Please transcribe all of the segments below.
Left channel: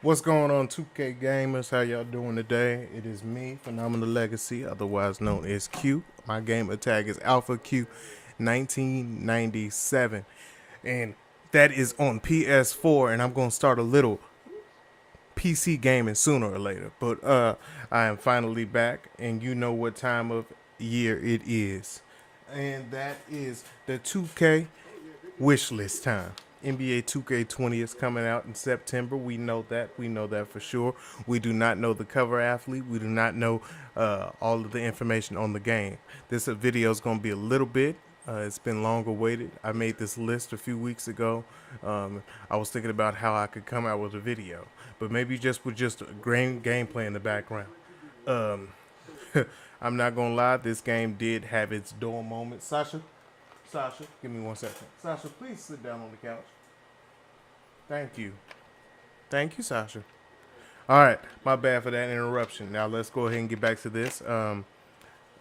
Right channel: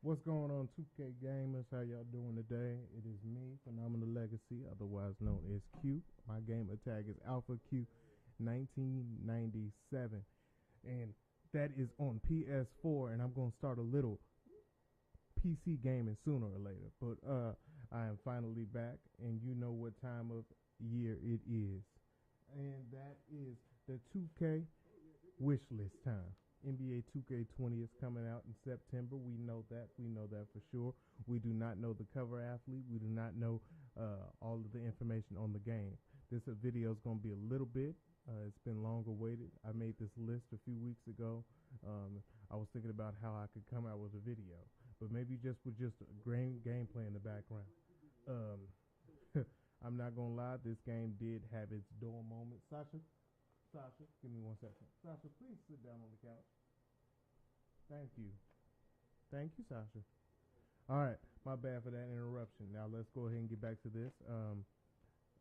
What's going on, 2K gamers? How y'all doing today? It is me, Phenomenal Legacy, otherwise known as Q. My gamer tag is Alpha Q 1997, and that is on PS4. And I'm gonna start a little PC gaming sooner or later. But I am finally back, and you know what time of year it is, and that is the 2K Wishlist time. NBA 2K20 is coming out in September. We know that. We know that for sure. We do not know the cover athlete. We do not know all of the information on the game. This video is going to be a little bit. It's been long awaited. I made this list a few weeks ago. I was thinking about how I could come out with a video, but maybe just with just a gameplay in the background. Um, I'm not gonna lie, this game did have its dull moments. Sasha, give me 1 second. Sasha, please sit down on the couch. Thank you. Thank you, Sasha. All right, my bad for that interruption. Now let's go ahead and get back to this. Uh,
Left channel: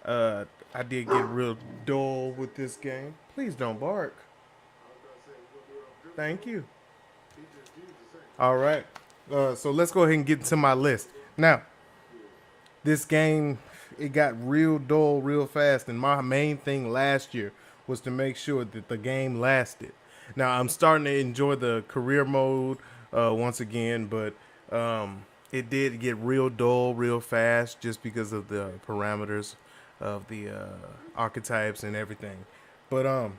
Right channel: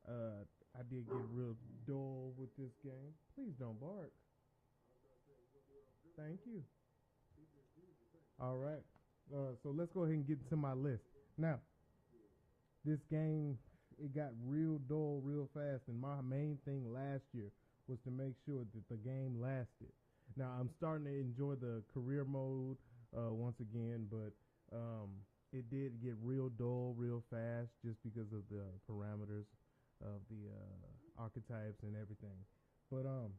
I did get real dull with this game. Please don't bark. Thank you. All right. So let's go ahead and get into my list. Now, this game, it got real dull real fast, and my main thing last year was to make sure that the game lasted. Now I'm starting to enjoy the career mode once again, but it did get real dull real fast just because of the parameters of the archetypes and everything. But I'm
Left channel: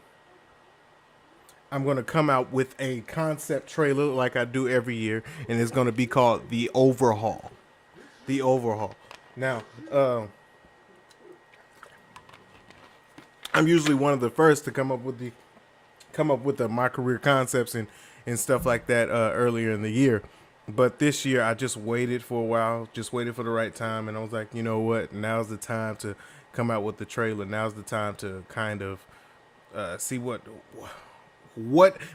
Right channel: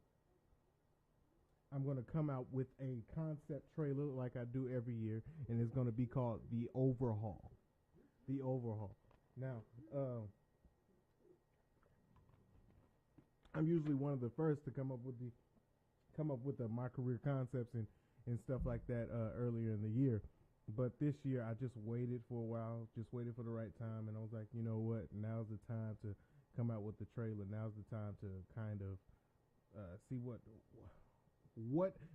gonna come out with a concept trailer like I do every year, and it's gonna be called the Overhaul. The Overhaul. Now, I'm usually one of the first to come up with the my career concepts and stuff like that earlier in the year. But this year I just waited for a while, just waited for the right time, and I was like, you know what? Now's the time to come out with the trailer. Now's the time to kind of see what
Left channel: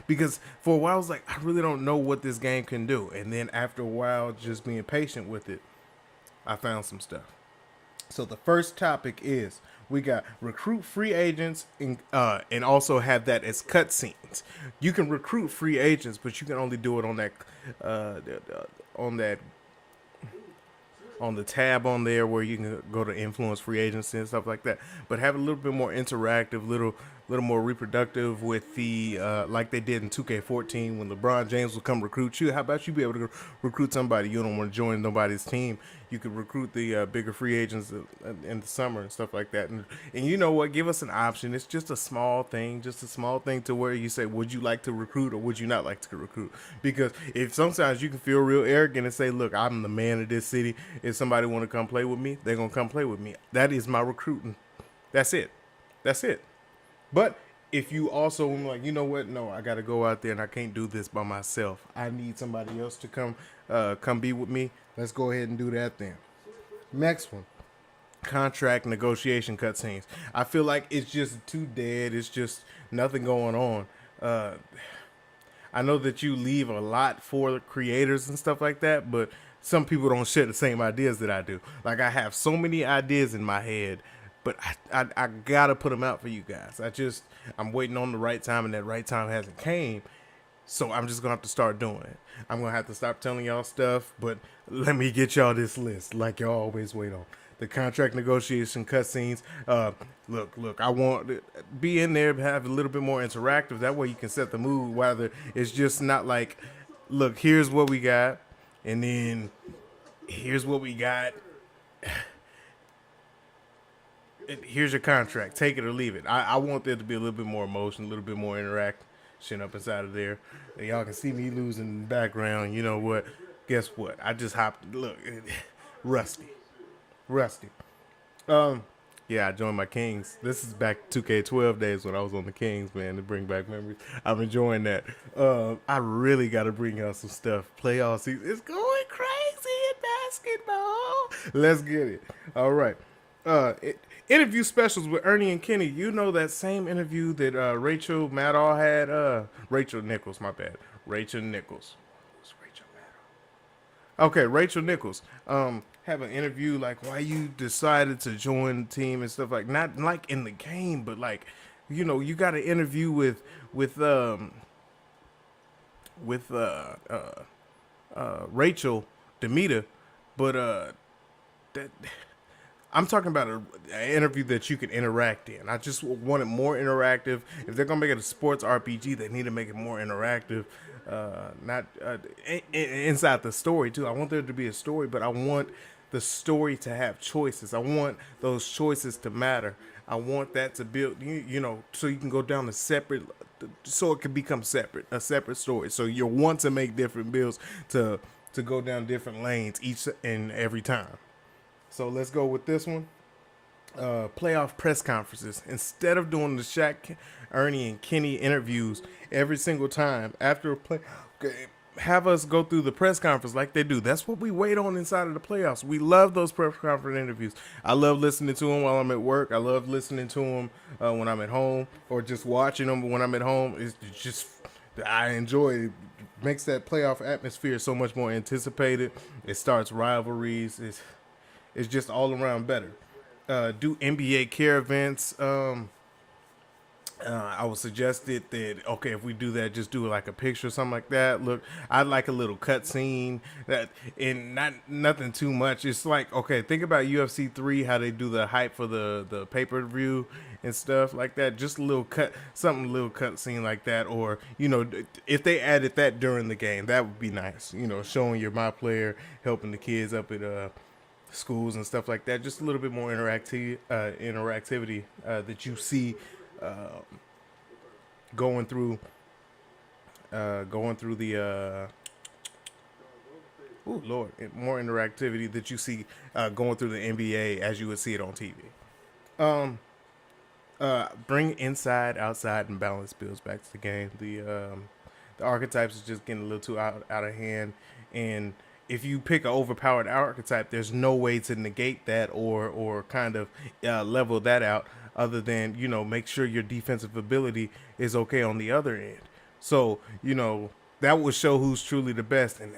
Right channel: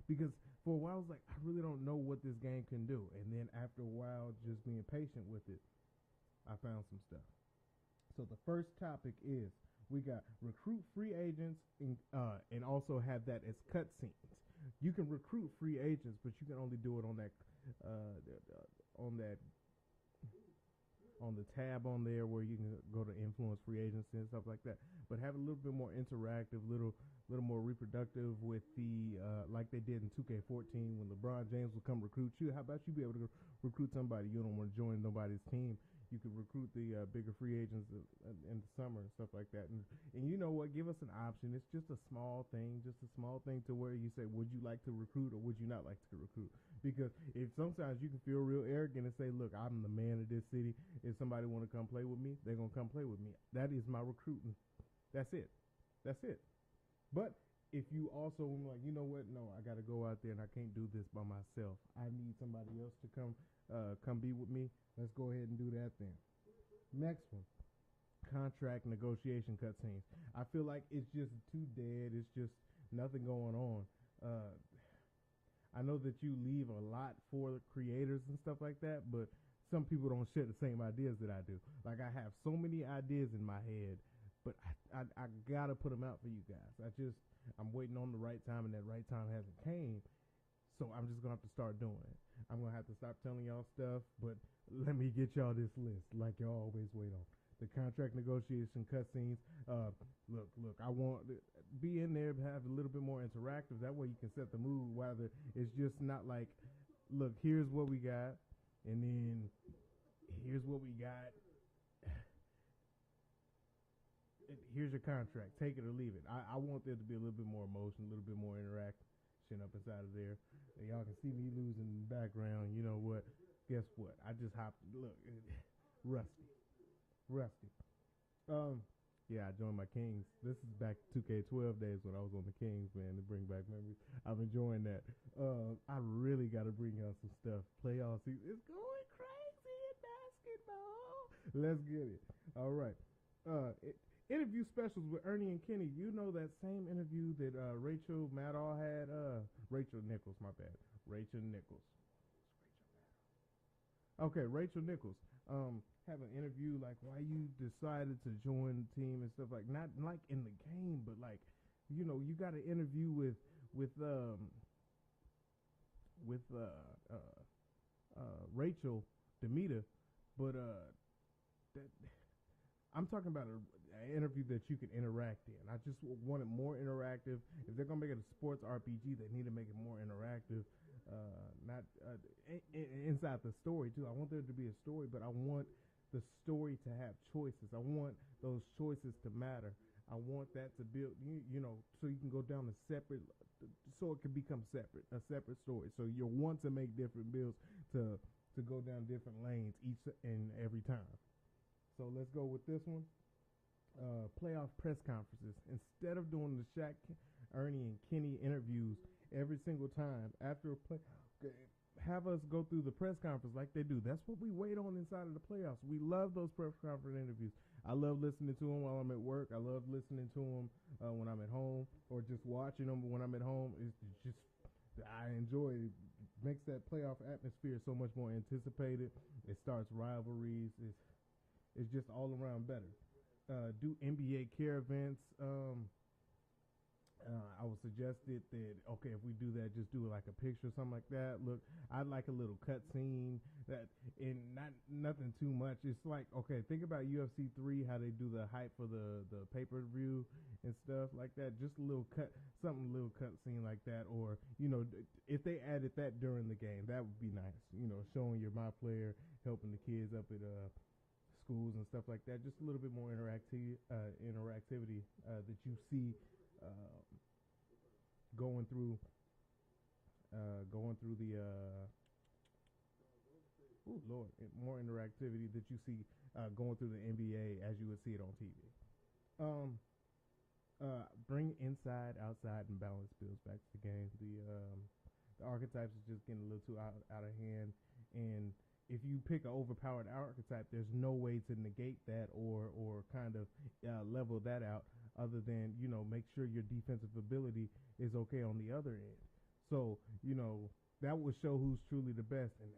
because for a while I was like, I really don't know what this game can do, and then after a while, just being patient with it, I found some stuff. So the first topic is we got recruit free agents and also have that as cutscenes. You can recruit free agents, but you can only do it uh, on that on the tab on there where you can go to influence free agency and stuff like that. But have a little bit more interactive, little more reproductive with the like they did in 2K14 when LeBron James would come recruit you. How about you be able to recruit somebody you don't want to join nobody's team? You could recruit the bigger free agents in the summer and stuff like that. And you know what? Give us an option. It's just a small thing to where you say, would you like to recruit or would you not like to recruit? Because if sometimes you can feel real arrogant and say, look, I'm the man of this city. If somebody want to come play with me, they're gonna come play with me. That is my recruiting. That's it. That's it. But if you also like, you know what? No, I got to go out there and I can't do this by myself. I need somebody else to come be with me. Let's go ahead and do that then. Next one, contract negotiation cutscenes. I feel like it's just too dead. It's just nothing going on. Uh, I know that you leave a lot for the creators and stuff like that, but some people don't share the same ideas that I do. Like I have so many ideas in my head, but I gotta put them out for you guys. I'm waiting on the right time, and that right time hasn't came. So I'm just gonna have to start doing it. I'm gonna have to stop telling y'all stuff, but let me get y'all this list, like y'all always wait on. The contract negotiation cutscenes. Look. I want to be in there, have a little bit more interactive. That way you can set the mood. Whether it's just not like, look, here's what we got, and then here's what we got. Here's your contract. Take it or leave it. I want there to be a little bit more emotion, a little bit more interaction up inside of there. And y'all can see me losing in the background. You know what? Guess what? I just hopped. Look, rusty, rusty. Um, yeah, I joined my Kings. This is back 2K12 days when I was on the Kings, man, to bring back memories. I'm enjoying that. I really got to bring out some stuff. Playoff season. It's going crazy in basketball. Let's get it. All right. Interview specials with Ernie and Kenny. You know that same interview that Rachel Maddow had. Rachel Nichols, my bad. Rachel Nichols. Who's Rachel Maddow? Okay, Rachel Nichols. Have an interview like why you decided to join the team and stuff like not like in the game, but like you got an interview with with Rachel Demita, but that I'm talking about an interview that you can interact in. I just want it more interactive. If they're gonna make it a sports RPG, they need to make it more interactive. Not inside the story too. I want there to be a story, but I want the story to have choices. I want those choices to matter. I want that to build, so you can go down a separate, so it can become separate, a separate story. So you want to make different builds to go down different lanes each and every time. So let's go with this one. Playoff press conferences. Instead of doing the Shaq, Ernie, and Kenny interviews every single time after a play, have us go through the press conference like they do. That's what we wait on inside of the playoffs. We love those press conference interviews. I love listening to them while I'm at work. I love listening to them when I'm at home, or just watching them when I'm at home. It's just, I enjoy it. It makes that playoff atmosphere so much more anticipated. It starts rivalries. It's just all around better. Do NBA care events. I would suggest it that, okay, if we do that, just do like a picture or something like that. Look, I'd like a little cut scene that, and nothing too much. It's like, okay, think about UFC 3, how they do the hype for the pay-per-view and stuff like that. Just a little little cut scene like that. Or, if they added that during the game, that would be nice. Showing your my player, helping the kids up at schools and stuff like that. Just a little bit more interactivity that you see going through the Lord, more interactivity that you see going through the NBA as you would see it on TV. Bring inside, outside, and balance builds back to the game. The archetypes is just getting a little too out of hand, and if you pick an overpowered archetype, there's no way to negate that or kind of level that out, other than, make sure your defensive ability is okay on the other end. So, that will show who's truly the best. And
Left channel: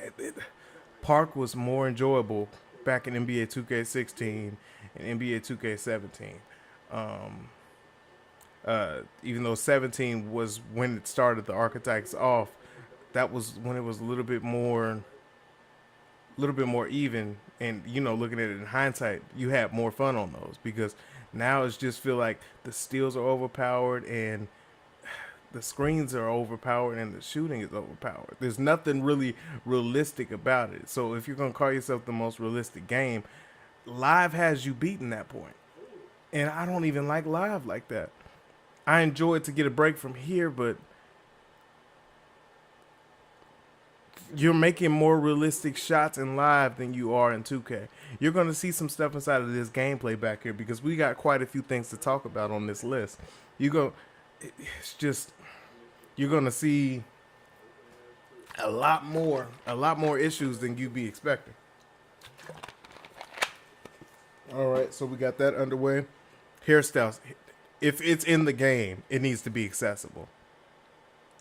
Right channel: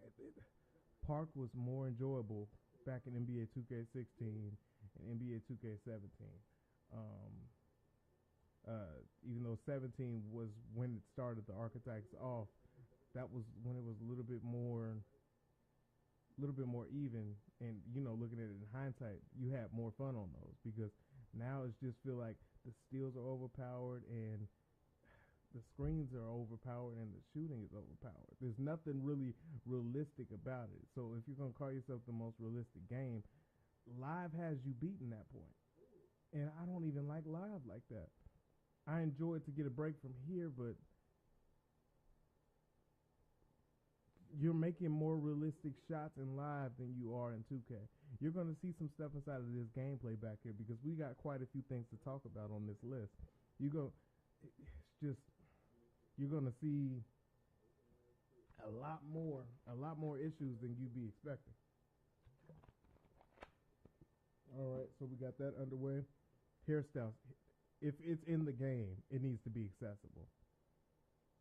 Park was more enjoyable back in NBA 2K16 and NBA 2K17. Even though 17 was when it started the archetypes off, that was when it was a little bit more even. And looking at it in hindsight, you had more fun on those, because now it's just feel like the steals are overpowered and the screens are overpowered and the shooting is overpowered. There's nothing really realistic about it. So if you're gonna call yourself the most realistic game, live has you beaten that point. And I don't even like live like that. I enjoy it to get a break from here, but you're making more realistic shots in live than you are in 2K. You're going to see some stuff inside of this gameplay back here, because we got quite a few things to talk about on this list. It's just, you're going to see a lot more issues than you'd be expecting. All right, so we got that underway. Hairstyles. If it's in the game, it needs to be accessible.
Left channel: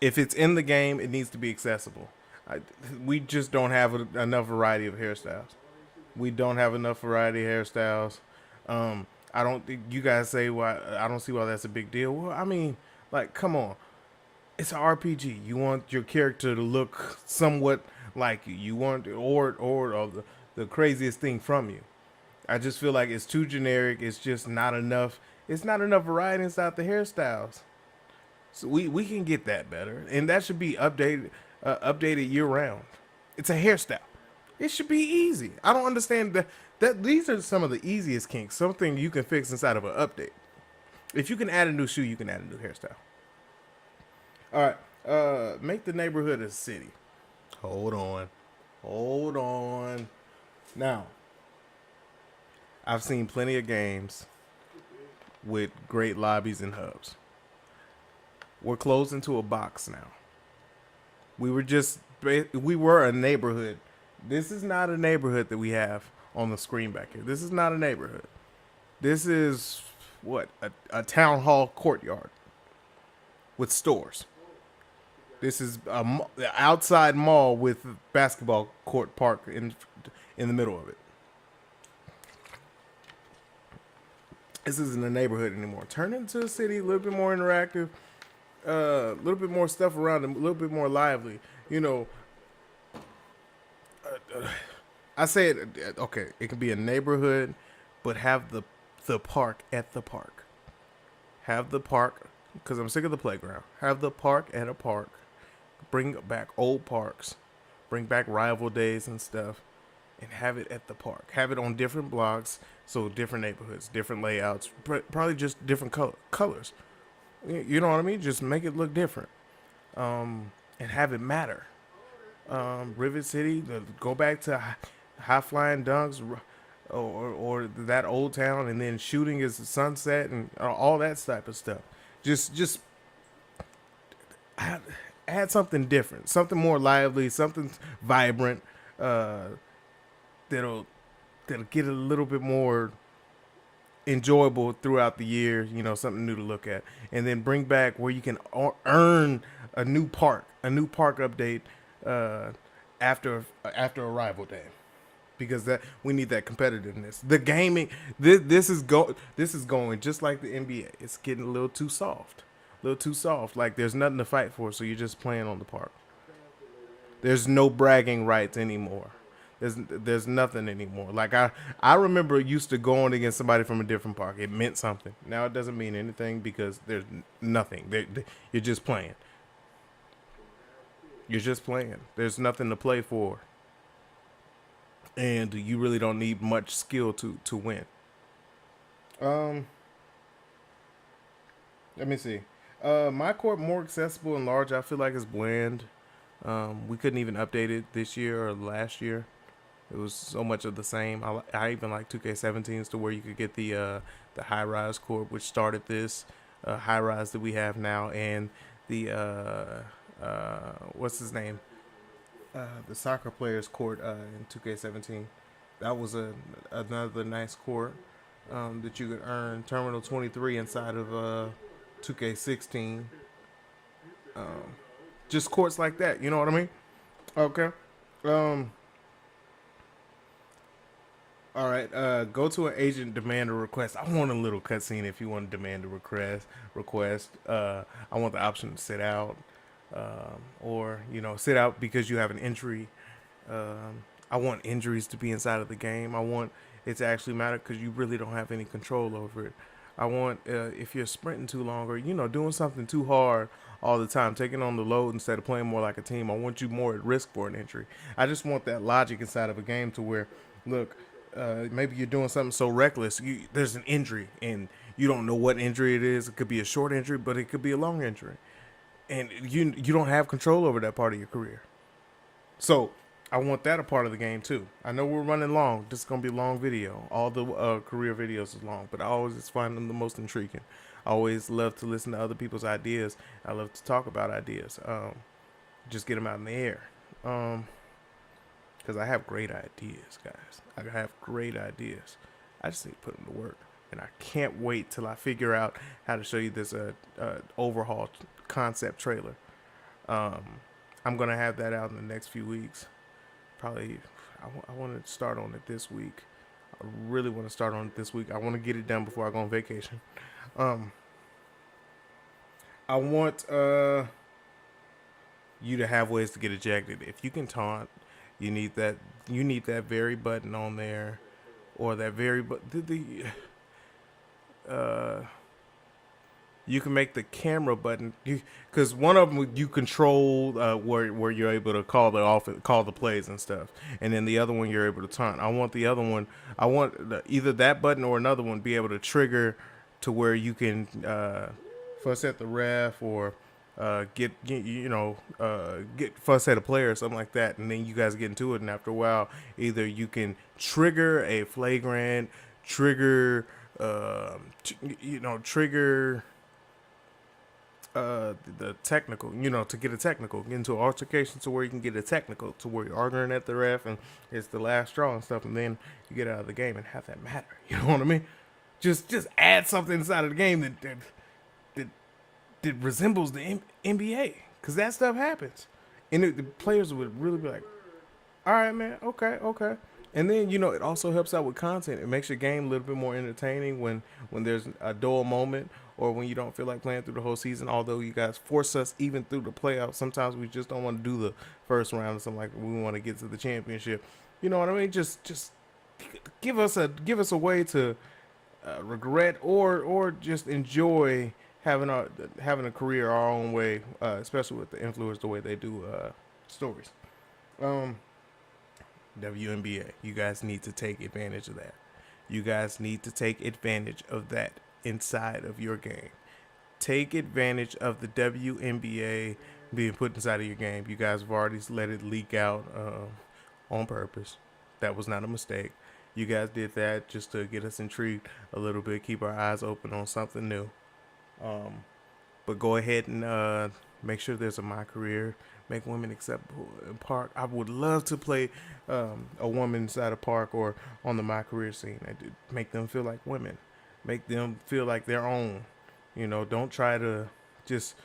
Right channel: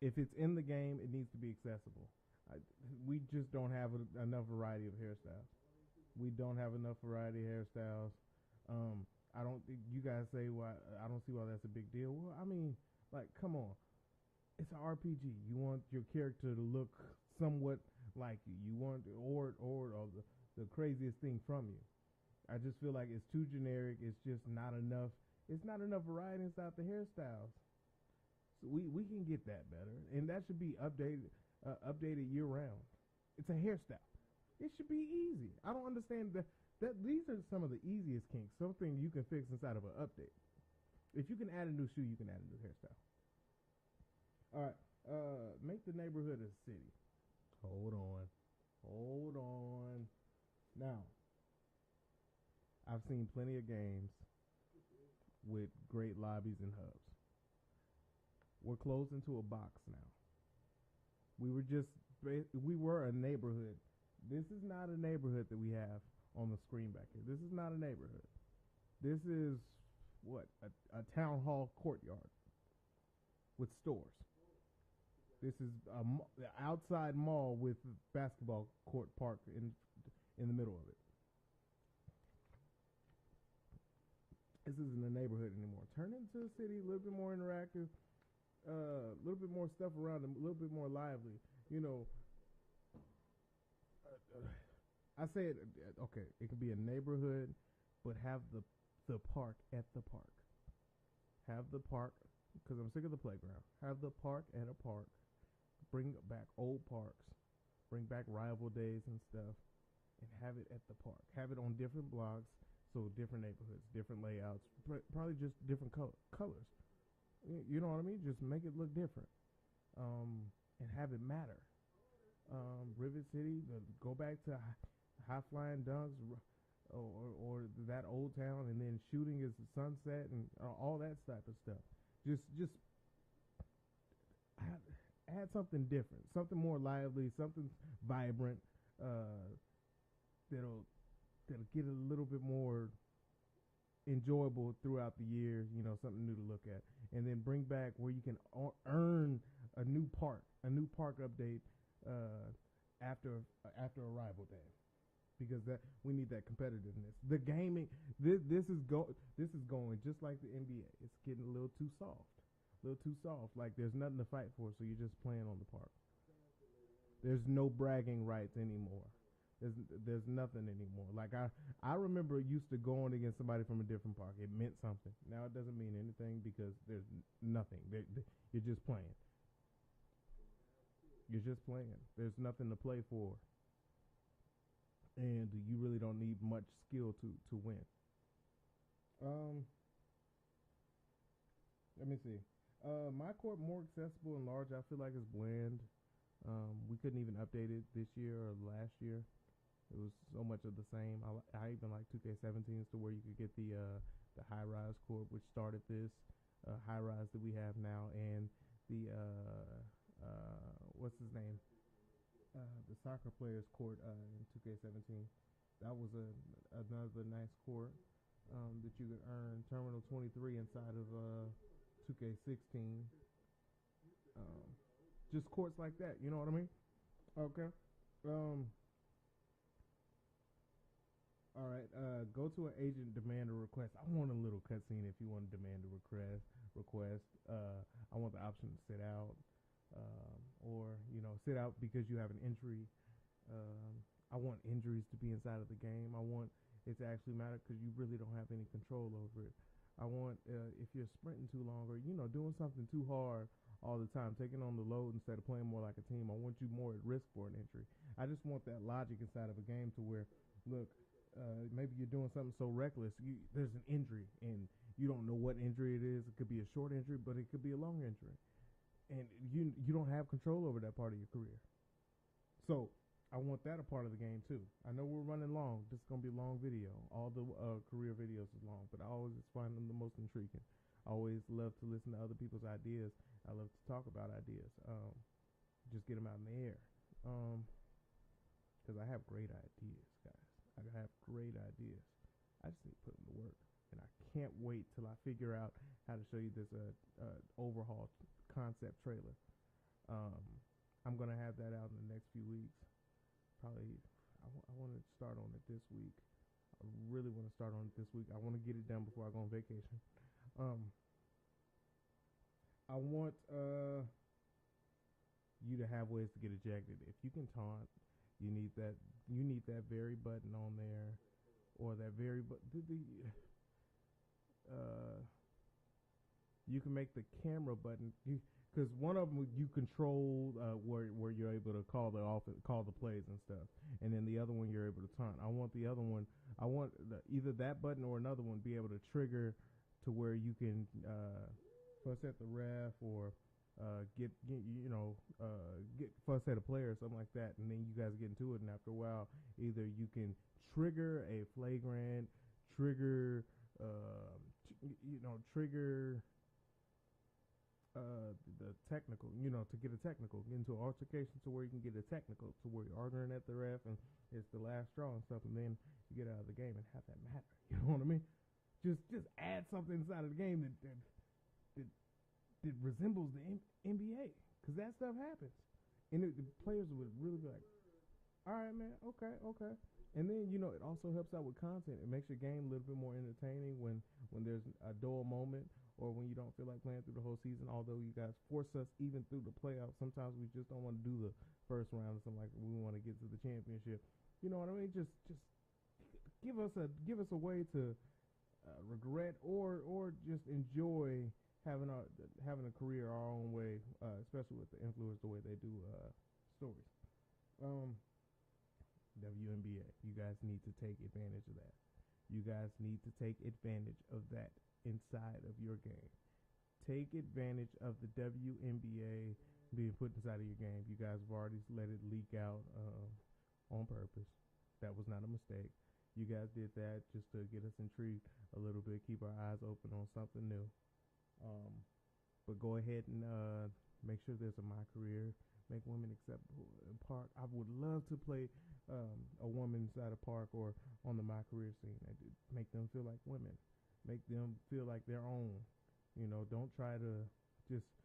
If it's in the game, it needs to be accessible. We just don't have enough variety of hairstyles. We don't have enough variety of hairstyles. I don't think you guys say why. I don't see why that's a big deal. Well, I mean, like, come on. It's an RPG. You want your character to look somewhat like you. You want or the craziest thing from you. I just feel like it's too generic. It's just not enough. It's not enough variety inside the hairstyles. So we can get that better, and that should be updated year round. It's a hairstyle. It should be easy. I don't understand that these are some of the easiest kinks. Something you can fix inside of an update. If you can add a new shoe, you can add a new hairstyle. All right. Make the neighborhood a city. Hold on. Now, I've seen plenty of games with great lobbies and hubs. We're closed into a box now. We were a neighborhood. This is not a neighborhood that we have on the screen back here. This is not a neighborhood. This is a town hall courtyard with stores. This is a outside mall with basketball court park in the middle of it. This isn't a neighborhood anymore. Turn it into a city, a little bit more interactive, a little bit more stuff around it, a little bit more lively. I said, okay, it can be a neighborhood, but have the park at the park. Have the park, because I'm sick of the playground. Have the park at a park. Bring back old parks. Bring back rival days and stuff, and have it at the park. Have it on different blocks, so different neighborhoods, different layouts, probably just different colors. You know what I mean? Just make it look different, and have it matter. Rivet City, go back to high flying dunks, or that old town, and then shooting is the sunset and all that type of stuff. Just add something different, something more lively, something vibrant. Uh, that'll that'll get a little bit more enjoyable throughout the year. You know, something new to look at, and then bring back where you can earn a new park update uh, after arrival day, because that we need that competitiveness. The gaming this is going just like the NBA. It's getting a little too soft, a little too soft. Like there's nothing to fight for, so you're just playing on the park. There's no bragging rights anymore. There's nothing anymore. Like I remember used to going against somebody from a different park. It meant something. Now it doesn't mean anything because there's nothing. You're just playing. You're just playing. There's nothing to play for, and you really don't need much skill to win. Um, Let me see. My court more accessible and large. I feel like it's bland. We couldn't even update it this year or last year. It was so much of the same. I even like 2K17s to where you could get the high rise court, which started this high rise that we have now, and the what's his name? The soccer players court in 2K17. That was another nice court that you could earn Terminal 23 inside of 2K16. Um, just courts like that. You know what I mean? Okay. Um, all right. Go to an agent, demand a request. I want a little cutscene if you want to demand a request. Request. I want the option to sit out, or sit out because you have an injury. I want injuries to be inside of the game. I want it to actually matter because you really don't have any control over it. I want if you're sprinting too long or doing something too hard all the time, taking on the load instead of playing more like a team. I want you more at risk for an injury. I just want that logic inside of a game to where, look, maybe you're doing something so reckless, there's an injury and you don't know what injury it is. It could be a short injury, but it could be a long injury, and you don't have control over that part of your career. So I want that a part of the game too. I know we're running long. This is gonna be a long video. All the career videos is long, but I always just find them the most intriguing. I always love to listen to other people's ideas. I love to talk about ideas. Just get them out in the air. Because I have great ideas, guys. I have great ideas. I just need to put them to work, and I can't wait till I figure out how to show you this overhaul concept trailer. Um, I'm gonna have that out in the next few weeks. Probably, I want to start on it this week. I really want to start on it this week. I want to get it done before I go on vacation. Um, I want you to have ways to get ejected. If you can taunt, you need that. You need that very button on there, or that very but uh you can make the camera button because one of them you control where you're able to call the plays and stuff, and then the other one you're able to taunt. I want the other one. I want either that button or another one be able to trigger to where you can fuss at the ref or get fuss at a player or something like that, and then you guys get into it, and after a while, either you can trigger a flagrant, trigger, trigger the technical, to get a technical, get into an altercation to where you can get a technical, to where you're arguing at the ref and it's the last straw and stuff, and then you get out of the game and have that matter. You know what I mean? Just add something inside of the game that resembles the NBA, because that stuff happens, and the players would really be like, "All right, man, okay." And then it also helps out with content. It makes your game a little bit more entertaining when there's a dull moment or when you don't feel like playing through the whole season. Although you guys force us even through the playoffs, sometimes we just don't want to do the first round or something like that. We want to get to the championship. You know what I mean? Just give us a way to regret or just enjoy having a career our own way, especially with the influence the way they do stories. Um, WNBA, you guys need to take advantage of that. You guys need to take advantage of that inside of your game. Take advantage of the WNBA being put inside of your game. You guys have already let it leak out on purpose. That was not a mistake. You guys did that just to get us intrigued a little bit, keep our eyes open on something new. Um, but go ahead and make sure there's a Mycareer. Make women acceptable in park. I would love to play a woman inside a park or on the Mycareer scene. Make them feel like women. Make them feel like their own. You know, don't try to just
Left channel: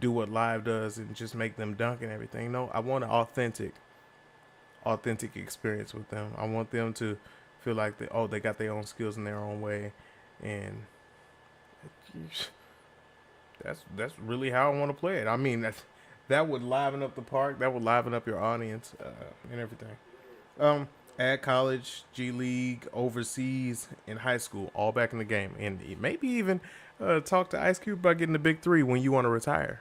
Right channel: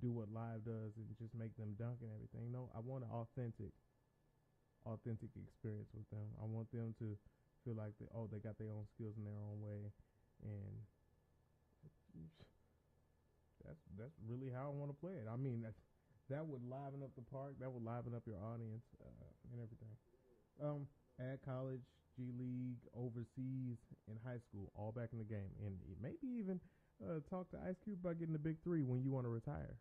do what live does and just make them dunk and everything. No, I want an authentic experience with them. I want them to feel like they got their own skills in their own way, and that's really how I want to play it. I mean, that would liven up the park. That would liven up your audience and everything. At college, G League, overseas, in high school, all back in the game, and maybe even talk to Ice Cube about getting the big three when you want to retire.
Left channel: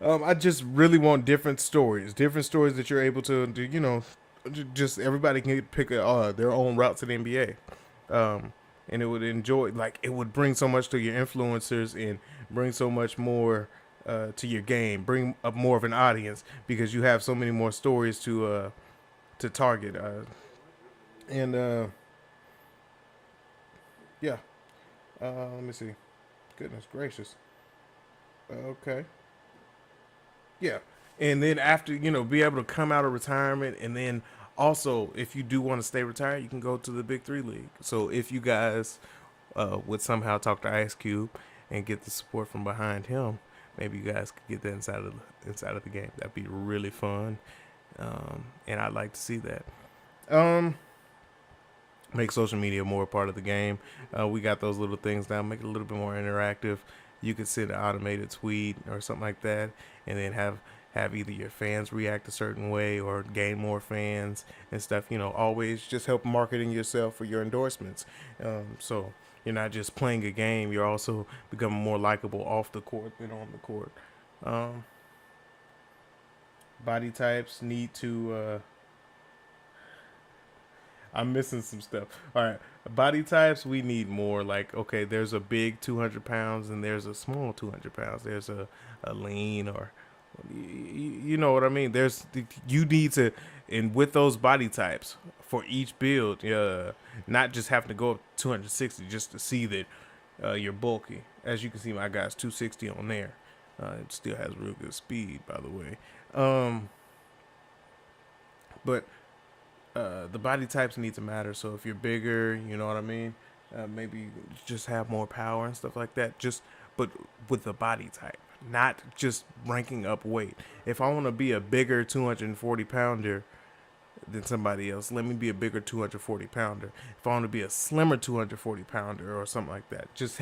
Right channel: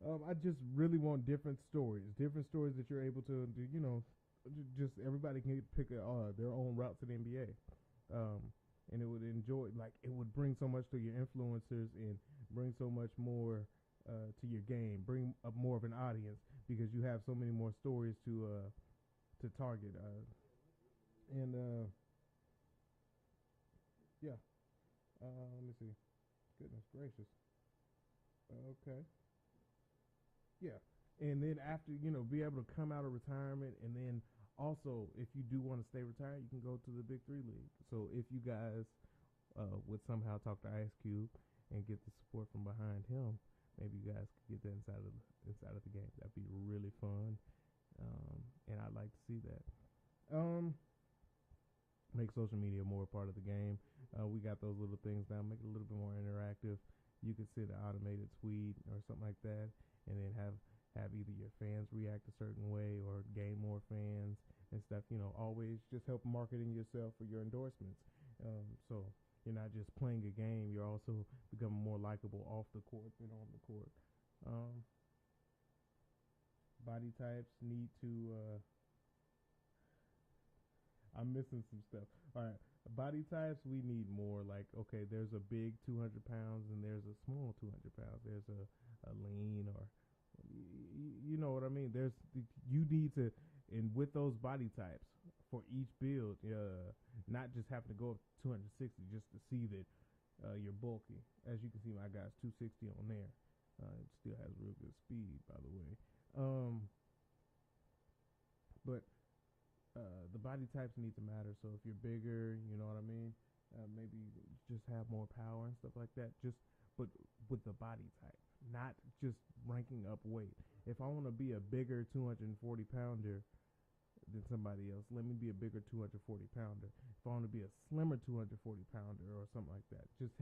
I just really want different stories that you're able to do. You know, just everybody can pick their own route to the NBA. And it would it would bring so much to your influencers and bring so much more to your game, bring up more of an audience because you have so many more stories to target. And yeah, let me see. Goodness gracious. Okay. Yeah. And then after, be able to come out of retirement, and then also if you do want to stay retired, you can go to the Big Three League. So if you guys would somehow talk to Ice Cube and get the support from behind him, maybe you guys could get that inside of the game. That'd be really fun. And I'd like to see that. Um, Make social media more a part of the game. We got those little things now. Make it a little bit more interactive. You could send an automated tweet or something like that, and then have either your fans react a certain way or gain more fans and stuff. Always just help marketing yourself for your endorsements. So you're not just playing a game; you're also becoming more likable off the court than on the court. Um, Body types need to. I'm missing some stuff. All right, body types we need more. Like, okay, there's a big 200 pounds and there's a small 200 pounds. There's a lean or, you know what I mean. You need to, and with those body types for each build, not just having to go up 260 just to see that you're bulky. As you can see, my guy's 260 on there. It still has real good speed, by the way. But the body types need to matter. So if you're bigger, you know what I mean. Maybe just have more power and stuff like that. But with the body type, not just ranking up weight. If I want to be a bigger 240 pounder than somebody else, let me be a bigger 240 pounder. If I want to be a slimmer 240 pounder or something like that, just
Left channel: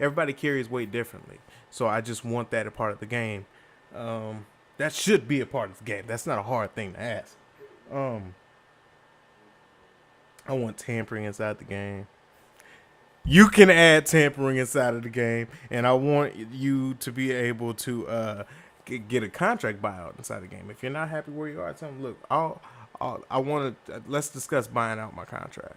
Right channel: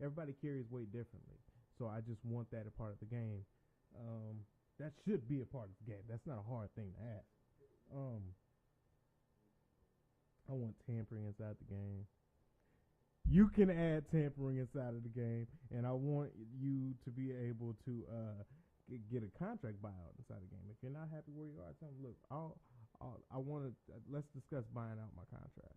everybody carries weight differently. So I just want that a part of the game. That should be a part of the game. That's not a hard thing to ask. I want tampering inside the game. You can add tampering inside of the game, and I want you to be able to get a contract buyout inside the game. If you're not happy where you are, tell them, look, I want to let's discuss buying out my contract.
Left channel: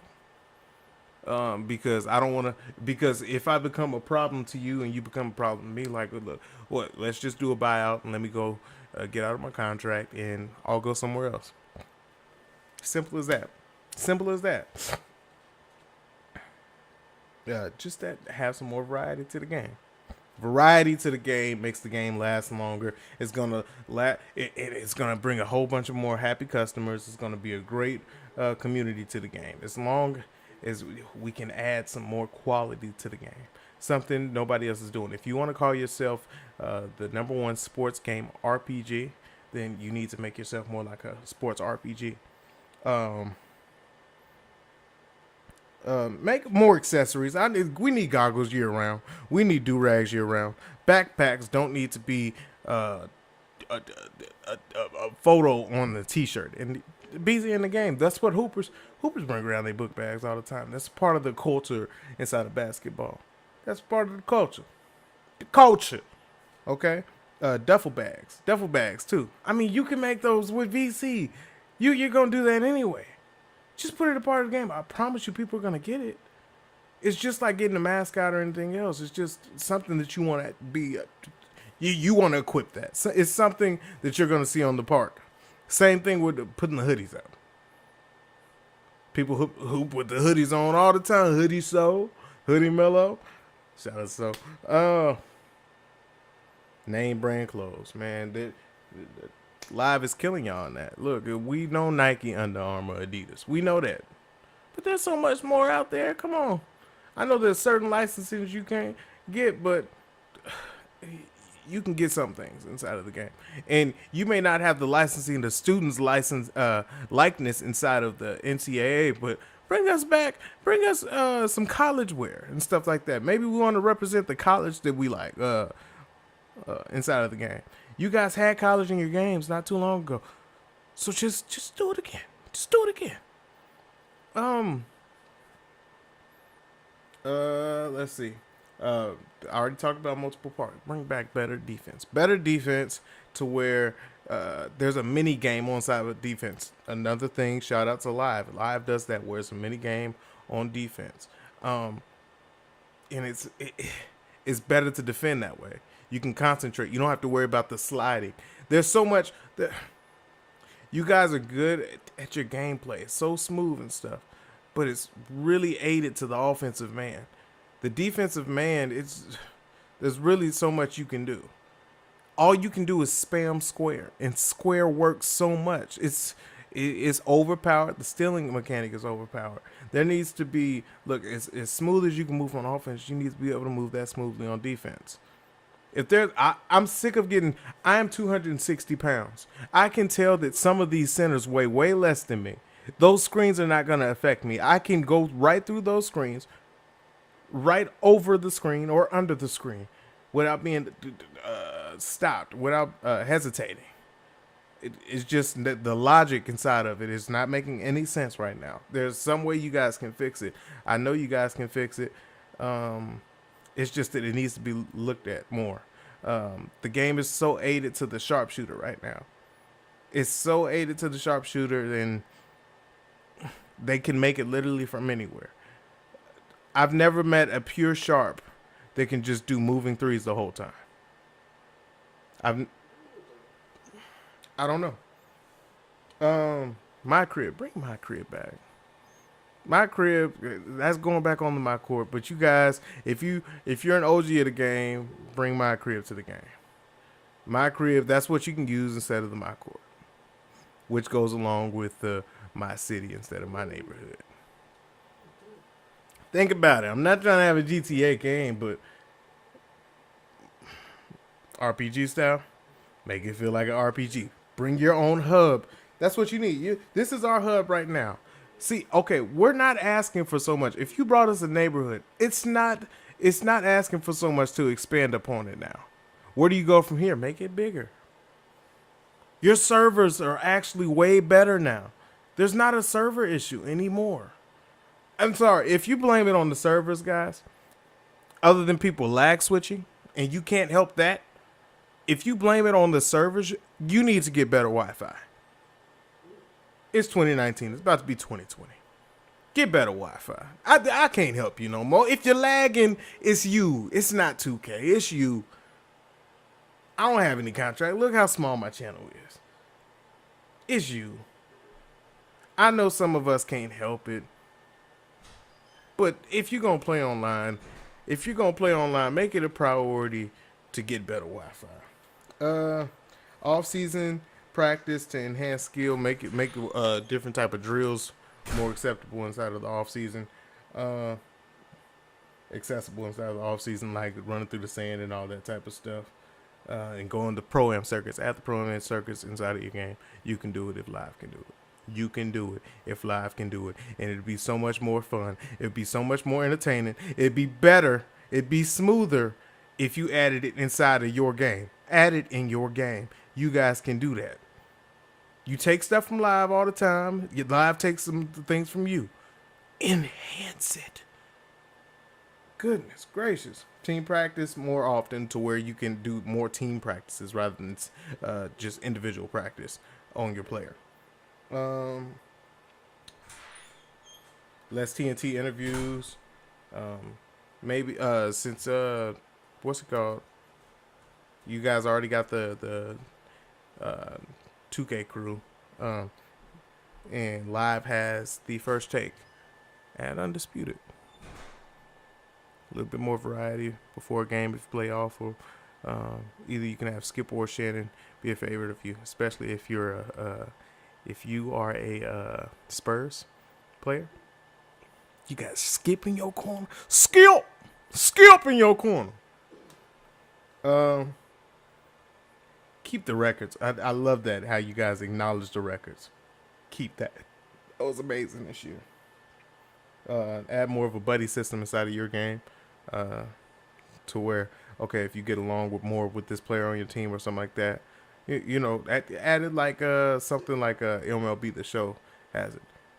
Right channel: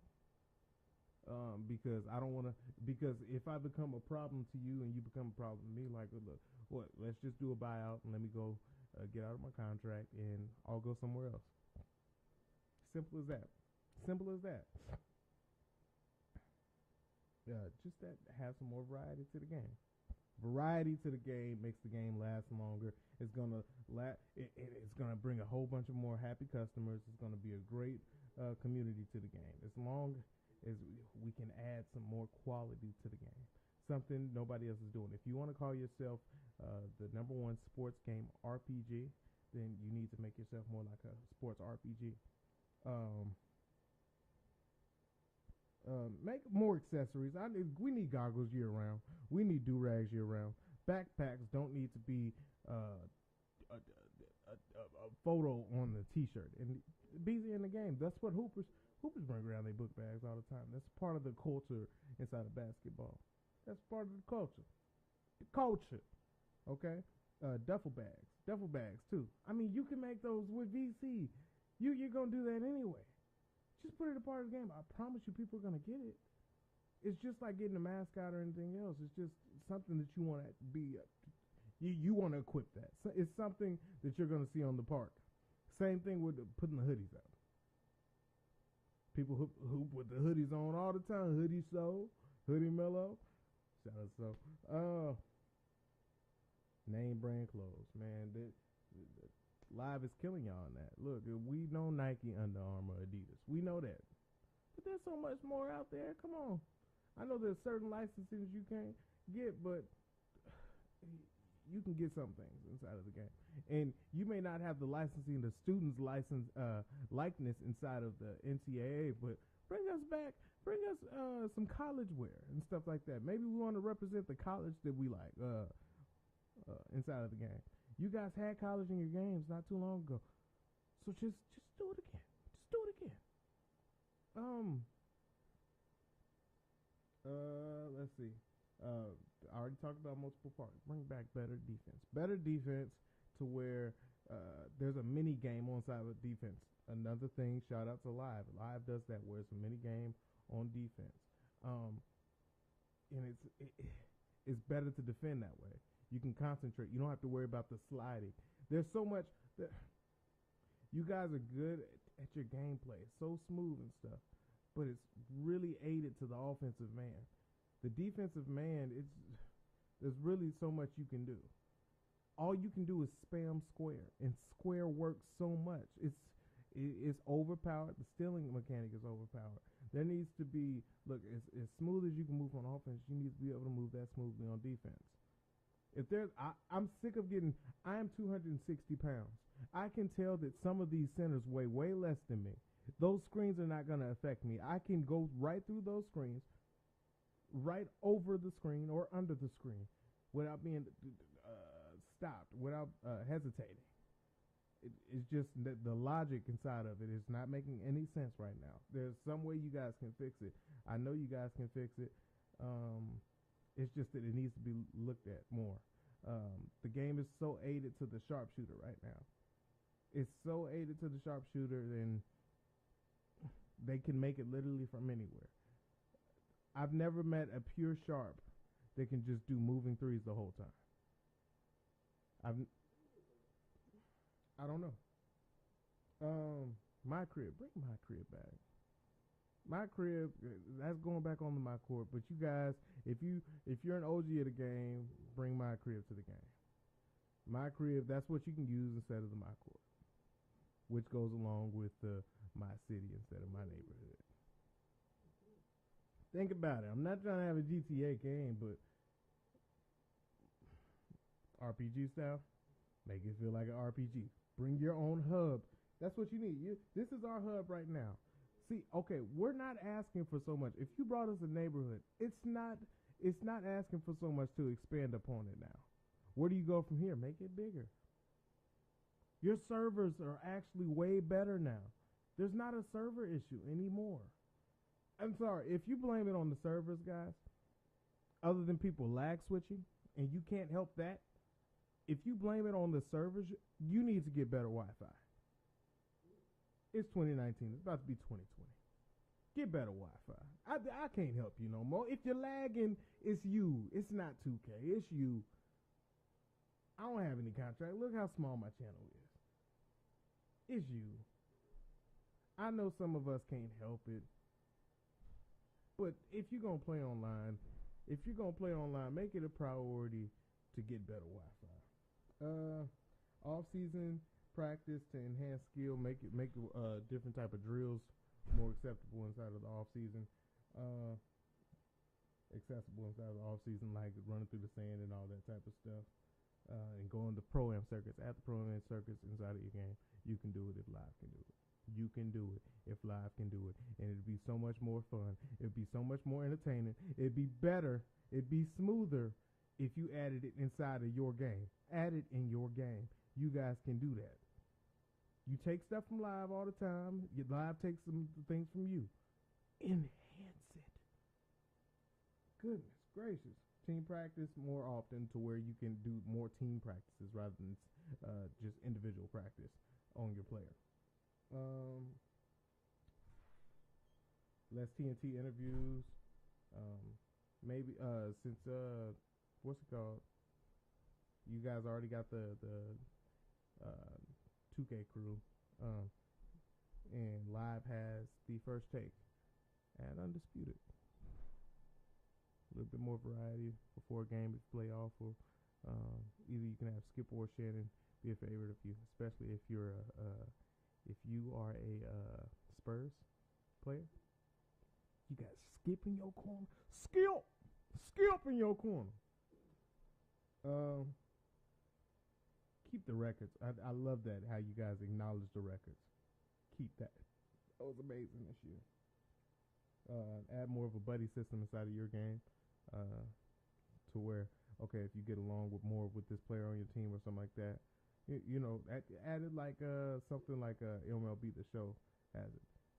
Because I don't want to. Because if I become a problem to you and you become a problem to me, like, look, what? Let's just do a buyout and let me go get out of my contract, and I'll go somewhere else. Simple as that. Simple as that. Just that have some more variety to the game. Variety to the game makes the game last longer. It's gonna it's gonna bring a whole bunch of more happy customers. It's gonna be a great community to the game. As long as we can add some more quality to the game, something nobody else is doing. If you want to call yourself the number one sports game RPG, then you need to make yourself more like a sports RPG. Make more accessories. We need goggles year round. We need do rags year round. Backpacks don't need to be a photo on the T-shirt. And busy in the game. That's what Hoopers bring around their book bags all the time. That's part of the culture inside of basketball. That's part of the culture. The culture. Okay. Duffel bags too. I mean, you can make those with VC. You're gonna do that anyway. Just put it a part of the game. I promise you, people are gonna get it. It's just like getting a mascot or anything else. It's just something that you want to be. You want to equip that. So it's something that you're gonna see on the park. Same thing with putting the hoodies out. People hoop with the hoodies on all the time. Hoodie Soul, Hoodie Mellow. Shout out So. Name brand clothes, man. Live is killing y'all on that. Look, we know Nike, Under Armour, Adidas. We know that. But there's so much more out there. Come on. I know there's certain licenses you can't get, but you can get some things inside of the game. And you may not have the licensing, the student's license likeness inside of the NCAA, but bring us some college wear and stuff like that. Maybe we want to represent the college that we like inside of the game. You guys had college in your games not too long ago. So just do it again. Just do it again. Let's see. I already talked about multiple parts. Bring back better defense. Better defense to where there's a mini game on side of defense. Another thing, shout out to Live. Live does that where it's a mini game on defense. And it's better to defend that way. You can concentrate. You don't have to worry about the sliding. There's so much that you guys are good at your gameplay. It's so smooth and stuff, but it's really aided to the offensive man. The defensive man, there's really so much you can do. All you can do is spam square, and square works so much. It's overpowered. The stealing mechanic is overpowered. There needs to be, look, as smooth as you can move on offense, you need to be able to move that smoothly on defense. If there's, I'm sick of getting, I am 260 pounds. I can tell that some of these centers weigh way less than me. Those screens are not going to affect me. I can go right through those screens, right over the screen or under the screen without being stopped, without hesitating. It's just that the logic inside of it is not making any sense right now. There's some way you guys can fix it. I know you guys can fix it. It's just that it needs to be looked at more. The game is so aided to the sharpshooter right now. It's so aided to the sharpshooter, and they can make it literally from anywhere. I've never met a pure sharp that can just do moving threes the whole time. I don't know. Mycareer, bring Mycareer back. Mycareer, that's going back on the my court. But you guys, if you're an OG of the game, bring Mycareer to the game. Mycareer, that's what you can use instead of the my court, which goes along with the my city instead of my neighborhood. Think about it. I'm not trying to have a GTA game, but RPG style, make it feel like an RPG. Bring your own hub. That's what you need. This is our hub right now. See, okay, we're not asking for so much. If you brought us a neighborhood, it's not asking for so much to expand upon it now. Where do you go from here? Make it bigger. Your servers are actually way better now. There's not a server issue anymore. I'm sorry, if you blame it on the servers, guys, other than people lag switching, and you can't help that, if you blame it on the servers, you need to get better Wi-Fi. It's 2019. It's about to be 2020. Get better Wi-Fi. I can't help you no more. If you're lagging, it's you. It's not 2K. It's you. I don't have any contract. Look how small my channel is. It's you. I know some of us can't help it. But if you're going to play online, make it a priority to get better Wi-Fi. Off-season practice to enhance skill, make different type of drills more acceptable inside of the off season, accessible inside of the off season, like running through the sand and all that type of stuff, and going to pro-am circuits. At the pro-am circuits inside of your game, you can do it if live can do it. You can do it if live can do it. And it'd be so much more fun. It'd be so much more entertaining. It'd be better. It'd be smoother if you added it inside of your game. Add it in your game. You guys can do that. You take stuff from live all the time. Your live takes some things from you. Enhance it. Goodness gracious. Team practice more often to where you can do more team practices rather than just individual practice on your player. Less TNT interviews. Maybe since what's it called? You guys already got the 2K crew, and live has the first take at Undisputed. A little bit more variety before a game if you play awful. Either you can have Skip or Shannon be a favorite of you, especially if you're if you are a Spurs player. You got Skip in your corner. Skip in your corner. Keep the records. I love that, how you guys acknowledge the records. Keep that. That was amazing this year. Add more of a buddy system inside of your game, to where, okay, if you get along with this player on your team or something like that, you know, added like something like MLB The Show has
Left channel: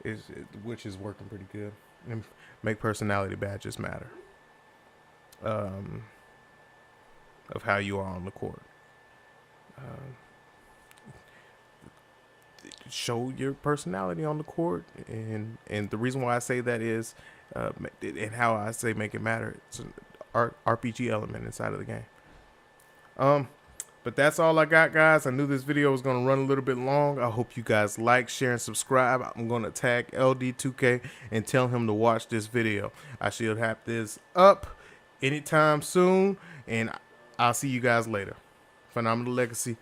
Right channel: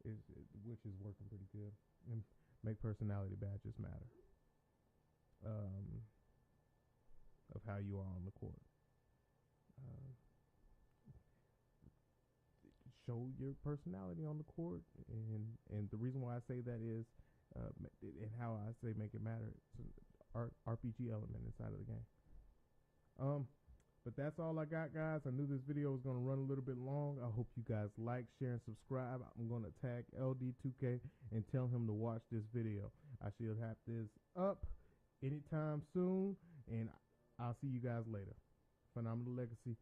it, which is working pretty good. And make personality badges matter of how you are on the court. Show your personality on the court, and the reason why I say that is, and how I say make it matter, it's an RPG element inside of the game. But that's all I got, guys. I knew this video was going to run a little bit long. I hope you guys like, share, and subscribe. I'm going to tag LD2K and tell him to watch this video. I should have this up anytime soon, and I'll see you guys later. Phenomenal Legacy.